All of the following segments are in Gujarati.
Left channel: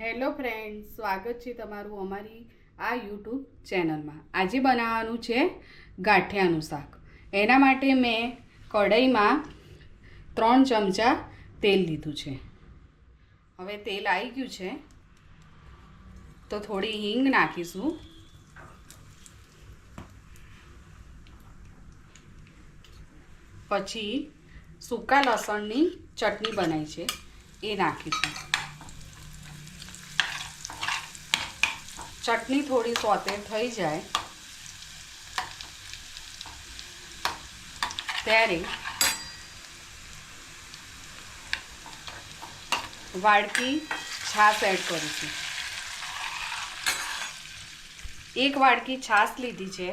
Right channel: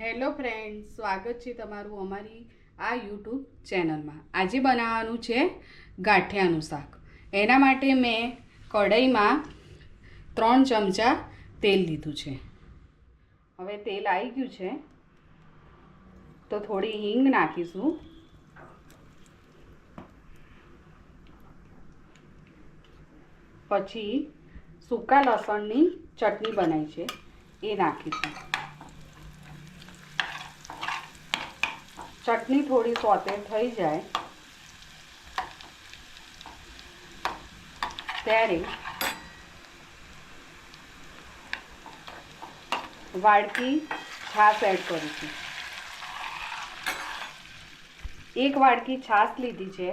હેલો ફ્રેન્ડ્સ, સ્વાગત છે તમારું અમારી આ યુટ્યુબ ચેનલમાં। આજે બનાવવાનું છે ગાંઠિયાનું શાક। એના માટે મેં કઢાઈમાં 3 ચમચા તેલ લીધું છે। હવે તેલ આવી ગયું છે તો થોડી હિંગ નાખીશું, પછી સૂકા લસણની ચટણી બનાવી છે એ નાખીશું। ચટણી થોડી સોતે થઈ જાય ત્યારે વાડકી છાશ એડ કરીશું। 1 વાડકી છાશ લીધી છે,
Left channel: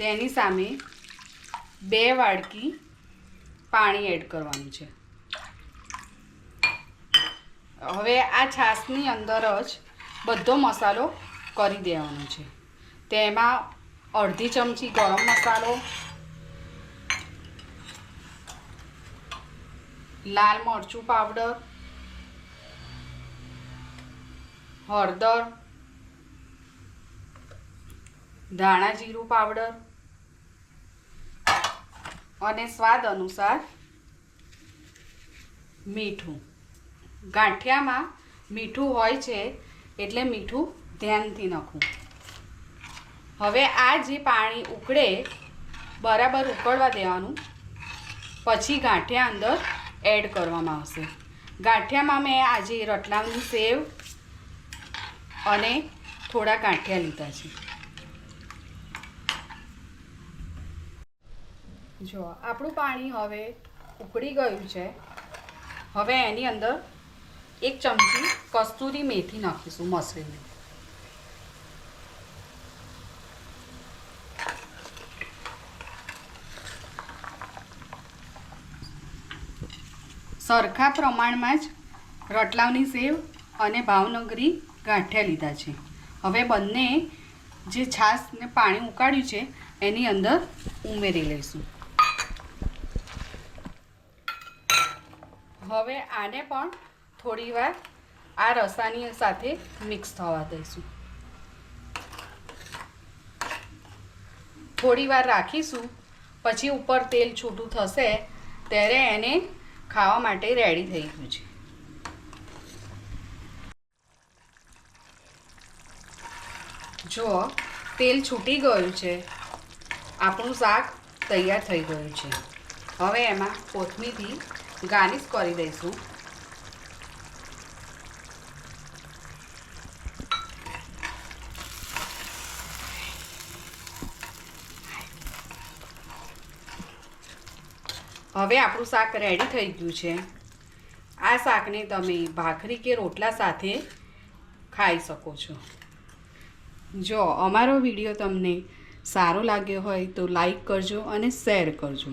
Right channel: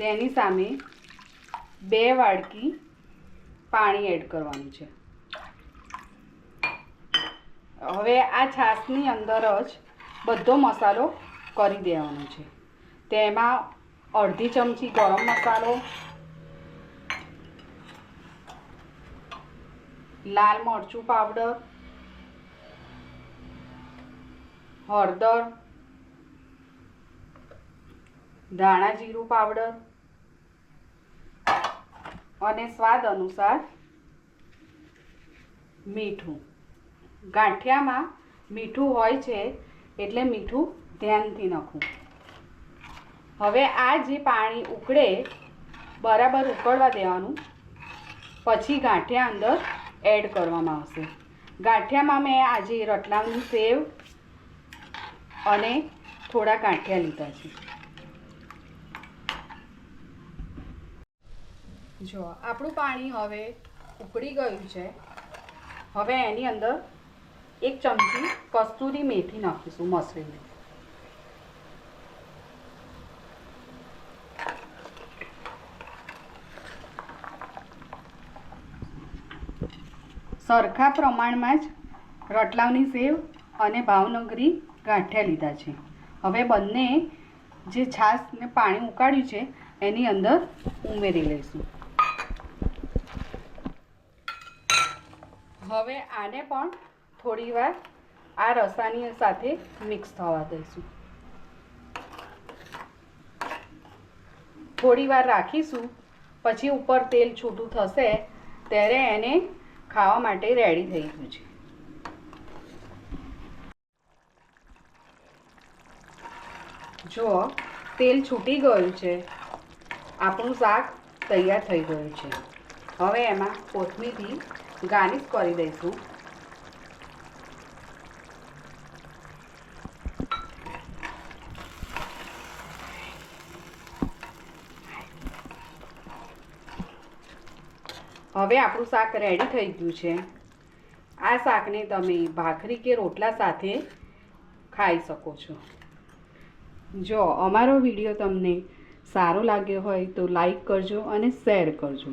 તેની સામે 2 વાડકી પાણી એડ કરવાનું છે। હવે આ છાશની અંદર જ બધો મસાલો કરી દેવાનો છે। તેમાં અડધી ચમચી ગરમ મસાલો, લાલ મરચું પાવડર, હળદર, ધાણા જીરું પાવડર અને સ્વાદ અનુસાર મીઠું। ગાંઠિયામાં મીઠું હોય છે એટલે મીઠું ધ્યાનથી નાખવું। હવે આ જે પાણી ઉકળે બરાબર ઉકળવા દેવાનું, પછી ગાંઠિયા અંદર એડ કરવામાં આવશે। ગાંઠિયામાં મેં આજે રતલામની સેવ અને થોડા ગાંઠિયા લીધા છે। જો આપણું પાણી હવે ઉકળી ગયું છે। હવે એની અંદર 1 ચમચી કસ્તુરી મેથી નાખીશું મસળીને। સરખા પ્રમાણમાં જ રતલામની સેવ અને ભાવનગરી ગાંઠિયા લીધા છે। હવે બંને જે છાશ ને પાણી ઉકાળ્યું છે એની અંદર ઉમેરી લઈશું। હવે આને પણ થોડીવાર આ રસાની સાથે મિક્સ થવા દઈશું। થોડીવાર રાખીશું, પછી ઉપર તેલ છૂટું થશે ત્યારે એને ખાવા માટે રેડી થઈ ગયું છે। જો તેલ છૂટી ગયું છે, આપણું શાક તૈયાર થઈ ગયું છે। હવે એમાં કોથમીરથી ગાર્નિશ કરી દઈશું। હવે આપણું શાક રેડી થઈ ગયું છે। આ શાકને તમે ભાખરી કે રોટલા સાથે ખાઈ શકો છો। જો અમારો વિડીયો તમને સારો લાગ્યો હોય તો લાઈક કરજો અને શેર કરજો।